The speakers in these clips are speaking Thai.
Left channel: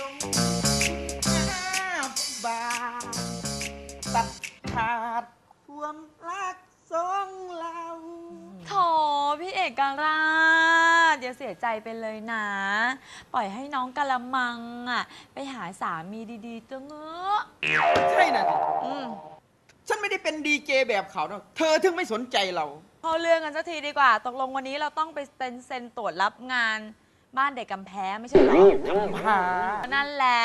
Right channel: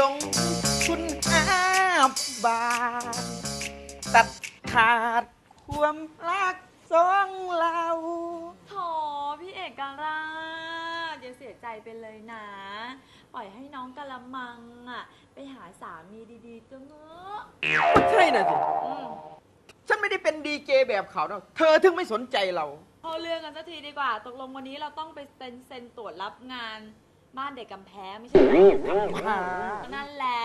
ลงทุนห้าบาท ตัดขาดความรักสองเรา โถพี่เอกราชอย่าเสียใจไปเลยนะ ปล่อยให้น้องกะละมังอะ ไปหาสามีดีๆตัวเงอะใช่เลยสิอืมฉันไม่ได้เป็นดีเจแบบเขานะเธอถึงไม่สนใจเราเข้าเรื่องกันสักทีดีกว่า ตกลงวันนี้เราต้องไปเป็นเซ็นตรวจรับงาน บ้านเด็กกำแพงไม่ใช่เหรอนั่นแหละ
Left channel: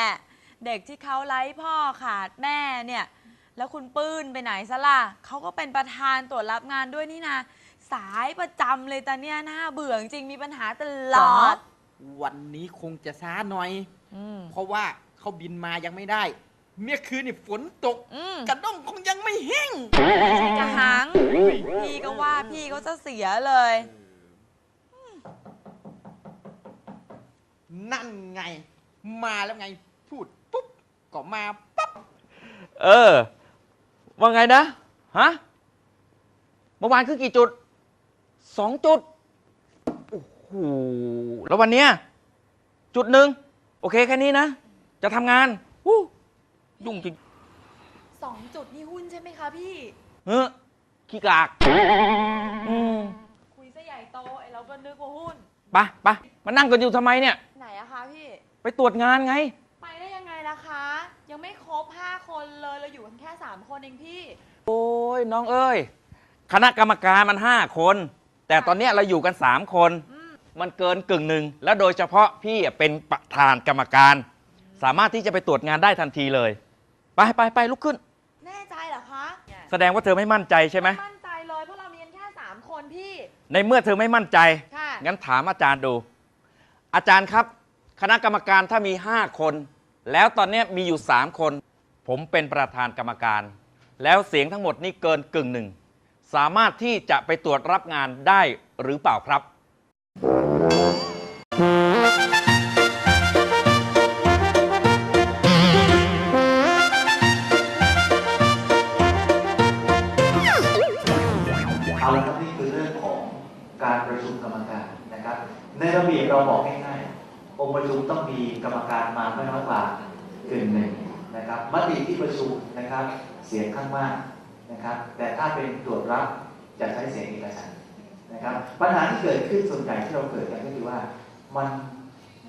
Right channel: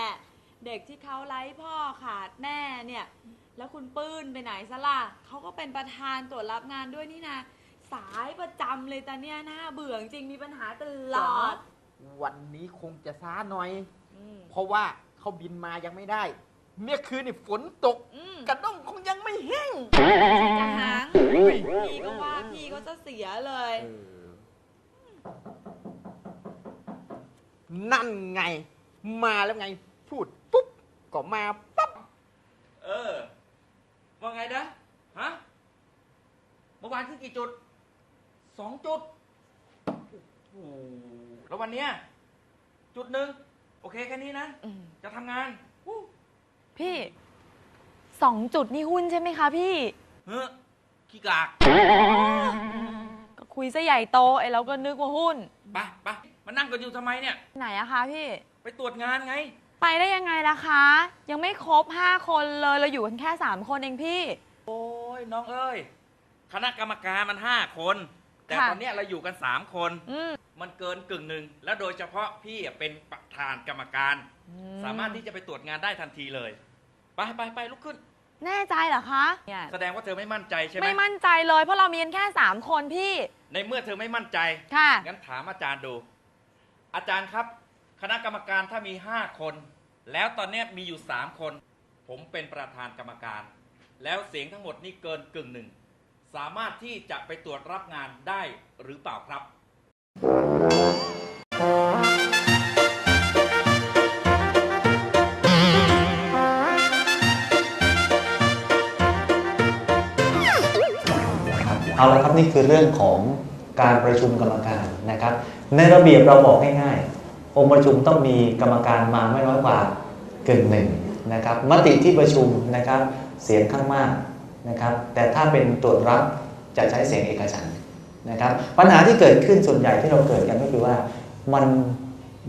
เด็กที่เขาไร้พ่อขาดแม่เนี่ย แล้วคุณปื้นไปไหนซะล่ะเขาก็เป็นประธานตรวจรับงานด้วยนี่นะ สายประจำเลยแต่เนี่ยน่าเบื่อจริงๆมีปัญหาตลอดวันนี้คงจะช้าหน่อย อืมเพราะว่าเขาบินมายังไม่ได้ เมื่อคืนนี่ฝนตก อืมกระด้งคงยังไม่แห้ง กระหังพี่ก็ว่าพี่เขาจะเสียเลย นั่นไง มาแล้วไงพูดปุ๊บก็มาปั๊บเออ ว่าไงนะฮะเมื่อวานคือกี่จุดสองจุดโอ้โหแล้ววันเนี้ยจุดหนึ่งโอเคแค่นี้นะอืมจะทำงานวู้พี่ยุ่งจริงสองจุดนี่หุ้นใช่ไหมคะพี่เออขี้กากก็คุยซะใหญ่โตไอ้เราก็นึกว่าหุ้นไปไปมานั่งกันอยู่ทำไมเนี่ย ไหนอะคะพี่ ไปตรวจงานไง ไปได้ยังไงล่ะคะ ยังไม่ครบ 5 คนเลยเราอยู่กันแค่ 3 คนเองพี่ โอ้ยน้องเอ้ย คณะกรรมการมันห้าคน แต่ค่ะ ตอนเนี้ยเราอยู่กันสามคน อืมมันเกินกึ่งหนึ่ง แล้วโดยเฉพาะพี่อะเป็นประธานกรรมการ สามารถที่จะไปตรวจงานได้ทันทีเลย ไปไปไปลุกขึ้น แน่ใจเหรอคะเนี่ยแสดงว่าเธอไม่มั่นใจใช่ไหม ไม่มั่นใจเลยเพราะเรามีกันแค่ 3 คนพี่ ในเมื่อเธอไม่มั่นใจ ค่ะ งั้นถามอาจารย์ดู อาจารย์ครับ คณะกรรมการถ้ามี 5 คน แล้วตอนเนี้ยมีอยู่ 3 คน ผมเป็นประธานกรรมการ แล้วเสียงทั้งหมดนี่เกินกึ่งหนึ่ง สามารถที่จะไปตรวจรับงานได้หรือเปล่าครับ เอาละครับนี่คือเรื่องของ การประชุมกรรมการนะครับ ในระเบียบเราบอกง่ายๆองค์ประชุมต้องมีกรรมการมาไม่น้อยกว่ากึ่งหนึ่งนะครับมติที่ประชุมนะครับเสียงข้างมากนะครับ แต่ถ้าเป็นตรวจรับจะใช้เสียงเอกฉันนะครับปัญหาที่เกิดขึ้นส่วนใหญ่ที่เราเกิดกันก็คือว่ามัน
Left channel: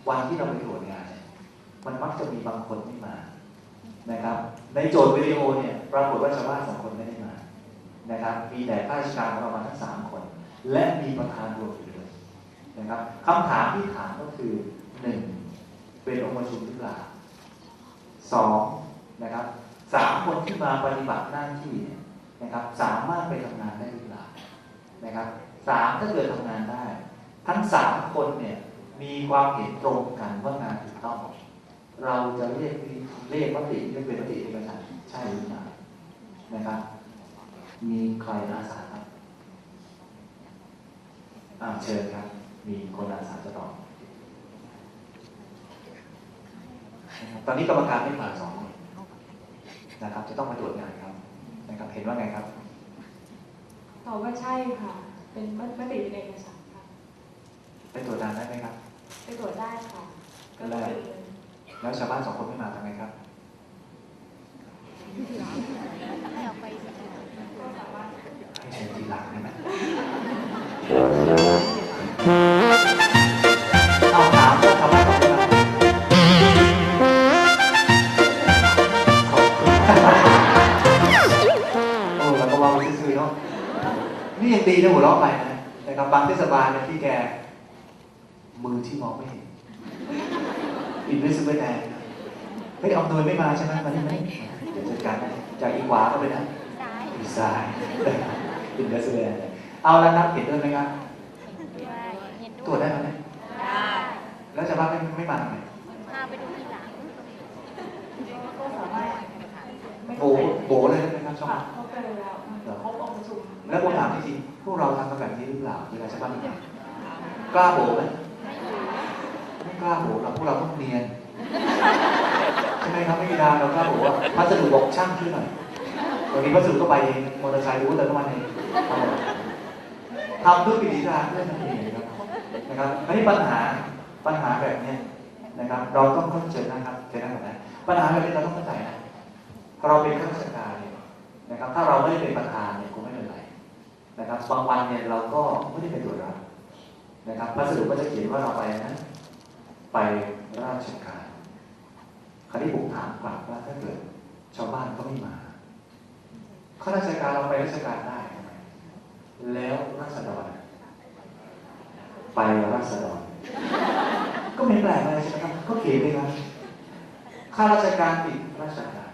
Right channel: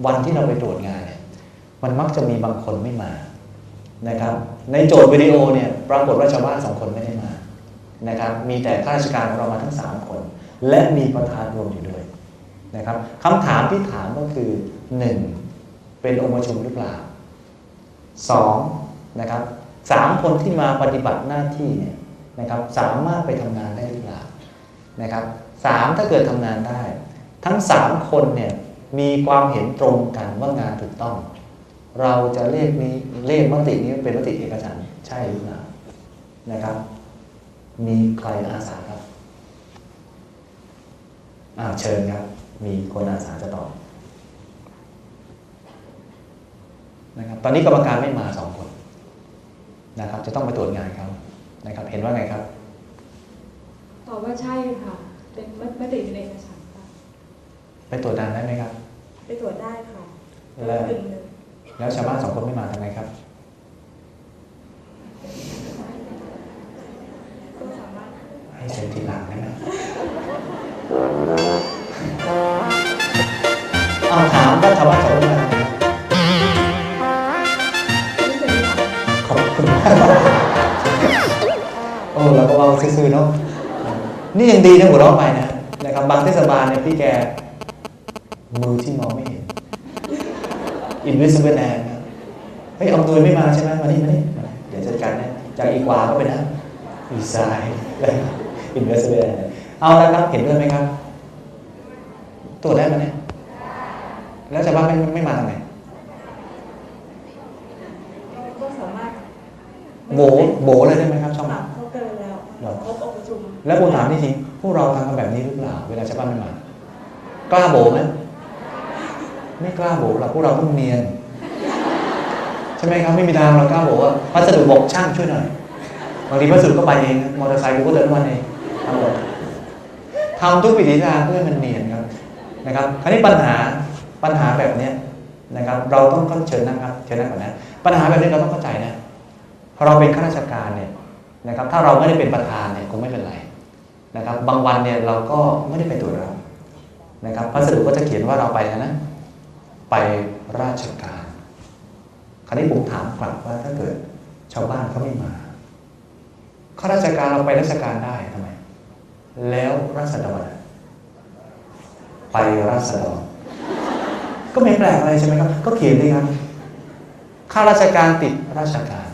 วันที่เราไปตรวจงานเนี่ยมันมักจะมีบางคนไม่มานะครับในโจทย์วิดีโอเนี่ยปรากฏว่าชาวบ้านสองคนไม่ได้มานะครับมีแต่ข้าราชการของเรามาทั้ง 3 คน และมีประธานรวมอยู่ด้วยนะครับคำถามที่ถามก็คือ 1. เป็นองค์ประชุมหรือเปล่า 2. นะครับสามคนที่มาปฏิบัติหน้าที่เนี่ยนะครับสามารถไปทำงานได้หรือเปล่านะครับสามถ้าเกิดทำงานได้ ทั้ง3คนเนี่ยมีความเห็นตรงกันว่างานถูกต้อง เราจะเลขนี้เลขมตินี้เป็นมติเอกฉันใช่หรือเปล่านะครับ มีใครอาสาครับ อ่าเชิญครับ มีคนอาสาจะตอบนะครับตอนนี้กรรมการไม่มาสองคนนะครับ จะต้องไปตรวจงานเขานะครับ เห็นว่าไงครับตอบว่าใช่ค่ะ เป็นมติเป็นเอกฉันท์ค่ะไปตรวจงานได้ไหมครับ ไปตรวจได้ค่ะแล้วกึ่งหนึ่งแล้วชาวบ้านสองคนไม่มาทำไงครับก็สามารถให้เซ็นทีหลังเลย ซื่อๆเนาะนี่ยังดีนะหัวเราะไปนะนะครับบางเทศบาลเนี่ยพี่แกมือที่มองไม่เห็น invisible hand ครับเฮ้ยเอาตัวไม่มาใช่ไหมวันนี้ยังไม่เดี๋ยวจัดการให้จากอีกขวาก็ไปนะอีกซ้ายเลย invisible hand เอาแล้วครับเห็นด้วยไหมครับตรวจได้ไหมเนี่ยแล้วชาวบ้านไม่ไม่มาทำไมก็สามารถโบโบเลยได้ไหม แล้วผมถามจริงๆพวกเราทำกันแบบนี้หรือเปล่าเวลาชาวบ้านไม่มกล้าโบไหมไม่กล้าโบหรอกพวกเราต้องเนียนใช่ไหมครับไม่มีทางเรากล้าโบกว่าพัสดุบอกช่างช่วยหน่อยบางทีพัสดุก็ไปเองมอเตอร์ไซค์กูก็เดินวันเองทำทุกวิถีทางเพื่อให้มันเนียนครับนะครับคราวนี้ปัญหาปัญหาแบบเนี้ยนะครับ เราต้องเข้าเชิญนะครับเชิญนั่งก่อนนะปัญหาแบบนี้เราต้องเข้าใจนะเราเป็นข้าราชการเนี่ยนะครับ ถ้าเราไม่ได้เป็นประธานเนี่ยคงไม่เป็นไร นะครับบางวันเนี่ยเราก็ไม่ได้ไปตรวจรับนะครับพัสดุก็จะเขียนว่าเราไปนะไปราชการ คราวนี้ผมถามกลับว่าถ้าเกิดชาวบ้านเขาไม่มาข้าราชการเราไปราชการได้ทำไมแล้วราษฎรไปราษฎรก็ไม่แปลกอะไรใช่ไหมครับ ก็เขียนดีครับข้าราชการติดราชการ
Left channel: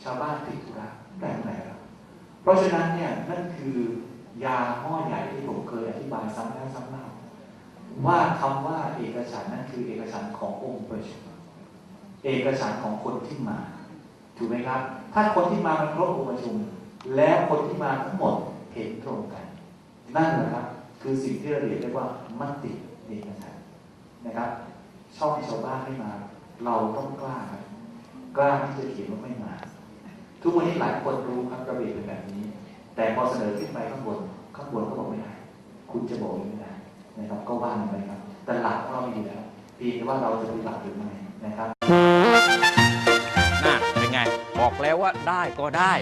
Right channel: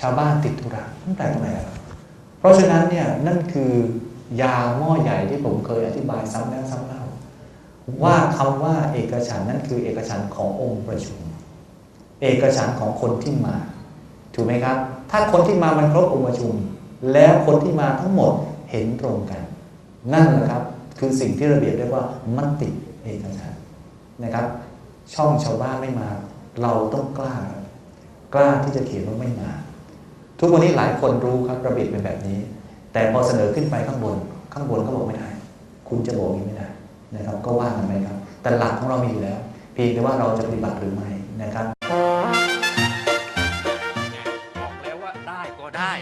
ชาวบ้านติดธุระไม่แปลกตรงไหนครับ เพราะฉะนั้นเนี่ยนั่นคือยาหม้อใหญ่ที่ผมเคยอธิบายซ้ำแล้วซ้ำเล่าว่าคำว่าเอกฉันนั่นคือเอกฉันขององค์ประชุม เอกฉันของคนที่มา ถูกไหมครับ ถ้าคนที่มามันครบองค์ประชุม แล้วคนที่มาทั้งหมดเห็นตรงกัน นั่นนะครับคือสิ่งที่ระเบียบเรียกว่ามติเอกฉันนะครับ ช่องชาวบ้านไม่มา เราต้องกล้าครับกล้าที่จะเขียนว่าไม่มา ทุกวันนี้หลายคนรู้ครับระเบียบเป็นแบบนี้ แต่พอเสนอขึ้นไปข้างบน ข้างบนเขาบอกไม่ได้ คุณจะบอกอย่างนี้ไม่ได้นะครับ ก็ว่ากันไปครับ แต่หลักของเรามีอยู่แล้ว เพียงแต่ว่าเราจะปฏิบัติหรือไม่นะครับน่ะเป็นไง บอกแล้วว่าได้ก็ได้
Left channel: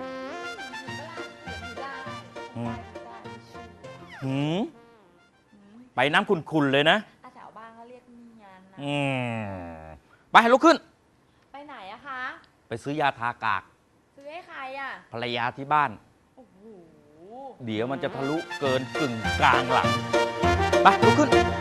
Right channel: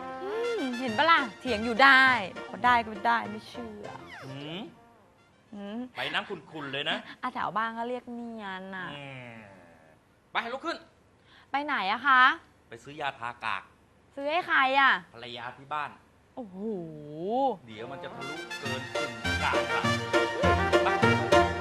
อืมเห็นปะล่ะเถียงอยู่ได้บอกว่าได้ก็ได้ไม่เชื่อหืมอืมไปน้ำคุณๆเลยนะอาแถวบ้านก็เรียกเนียนนะอืมไปลุกขึ้น ไปไหนอะคะ ไปซื้อยาทากากซื้อให้ใครอะภรรยาที่บ้าน โอ้โห เดี๋ยวมันจะทะลุเกินกึ่งกลางหลังไปลุกขึ้น